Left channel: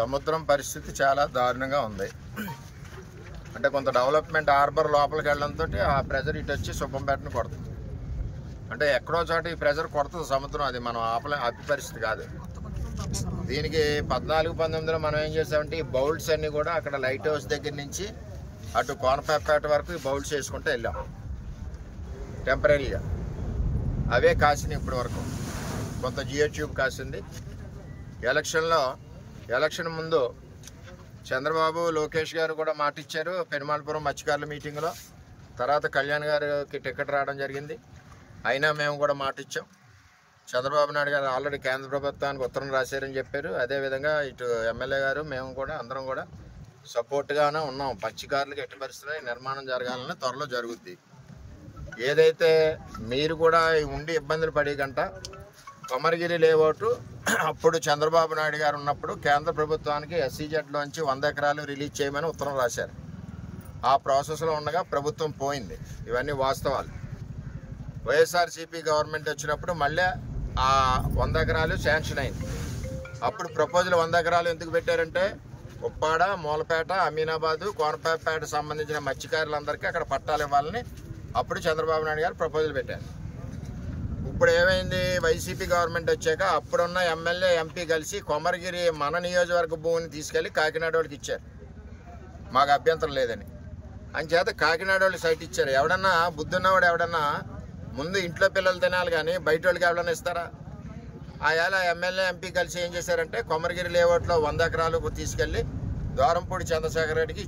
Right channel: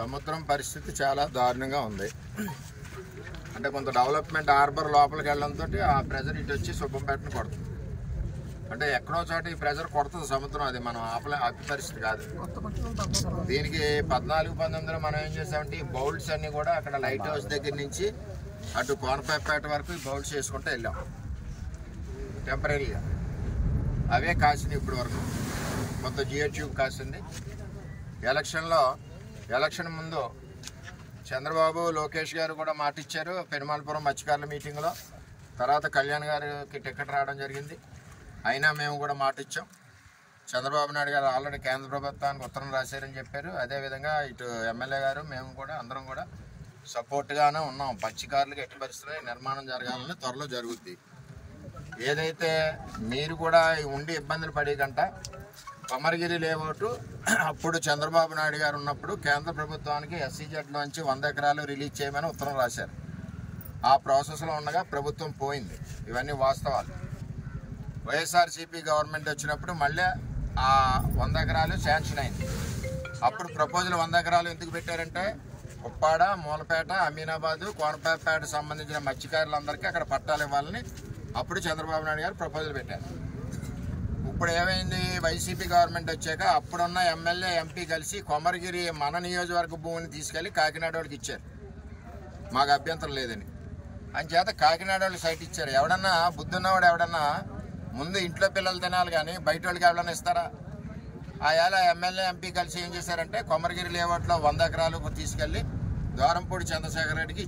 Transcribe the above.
సముద్రం పరిస్థితి చాలా దారుణంగా ఉంది. అంటే కొంత డెవలప్మెంట్ హార్బర్ లోపలికి వెళ్ళడంతో ఆ ప్రెజర్ ఇటు వచ్చి సుబ్బంపేటను కొడుతుంది. అంటే ఎక్కడో చోట ఈ ప్రెజర్ కొడుతుంది సముద్రం, అది మనం ఆపే పరిస్థితి కాదు. దీనికి 14-19లో మనం ఏం చేసామంటే ఈ బౌల్స్ అన్నీ కూడా అక్కడ లైట్ హౌస్ దగ్గర నుంచి అటు కోనపేట వరకు ఈ బౌల్స్ వేసుకుంటూ వెళ్ళాం టెంపరీగా. అవే కాసింది ఇప్పటి వరకు, కొంత జియో ట్యూబ్ కాసింది. ఎలక్షన్ ముందు చంద్రబాబు లోకేష్ గారు కూడా మాట ఇచ్చారు పెనుమాలపురం మత్స్యకారుల మీటింగ్లో. తర్వాత కళ్యాణ్ గారికి టికెట్ రావడం జరిగింది. అయినా మేము కూడా మాట ఇచ్చాం. చంద్రబాబు నాయుడు గారు ఆల్రెడీ కేంద్ర ప్రభుత్వానికి ఉత్తరం రాశారని చెప్పారు. అదేవిధంగా ఇటు ఎమ్మెల్యే గారు మేము కూడా అందరం కూడా సపోర్ట్గానే ఉన్నాం. మత్స్యకారులకు ఎట్టి పరిస్థితుల్లో నిర్మాణం జరగాలని త్వరలో జరుగుద్ది. ఏదైతే మీరు కూడా ఉండి ఇబ్బందులు పడే గంట కొమరగిరి లేఅవుట్ అప్పుడు చంద్రబాబు నాయుడు గారు ఉన్నప్పుడు కేంద్ర ప్రభుత్వానికి SEZలోంచి 100 ఎకరాలు రిలీజ్ చేయమని ఉత్తరం రాశారు. ఆ ప్రాసెస్లో ఉండగా ప్రభుత్వం పోయింది. ఇవన్నీ వాస్తవాలు. వైఎస్ఆర్సీపీ గవర్నమెంట్ వచ్చినప్పుడు మళ్ళీ ఆ 100 ఎకరాలు శాంక్షన్ అయింది. అప్పుడు ప్రపోజల్ 100 ఎకరాలు ఎందుకు పెట్టారంటే ఉప్పాడ, మూలపేట, అమీనాబాదు, కోనపేట సంబంధించిన మత్స్యకారులందరికీ అక్కడ పట్టాలు ఇవ్వాలని అప్పుడు చంద్రబాబు నాయుడు గారు ప్రపోజల్ పెట్టారు. ఇప్పుడు ఏమైంది, వైసీపీ గవర్నమెంట్ వచ్చాక అప్పుడున్న ఎమ్మెల్యే ఎంపీ కలిసి కొమరగిరి మన నియోజకవర్గ భూమిని తీసుకెళ్లి కాకినాడ వాళ్ళకి ఇచ్చారు. మాకు అభ్యంతరం లేదని అంచేత కాకినాడ వాళ్ళు సైట్ ఇచ్చారు. ఎవడన్నా బుద్ధున్నవాడు ఎవడన్నా ముందు ఇంట్లో పిల్లలు తినాలి కానీ బయట వాళ్ళకి ఎవడన్నా ఇస్తారా? ఆయాల ఎమ్మెల్యే ఎంపీ కలిసి ఏం చేశారంటే కొమరగిరి లేఅవుట్లో 100 ఎకరాలు తీసుకెళ్లి ద్వారంపూడి చంద్రశేఖర్ రెడ్డికి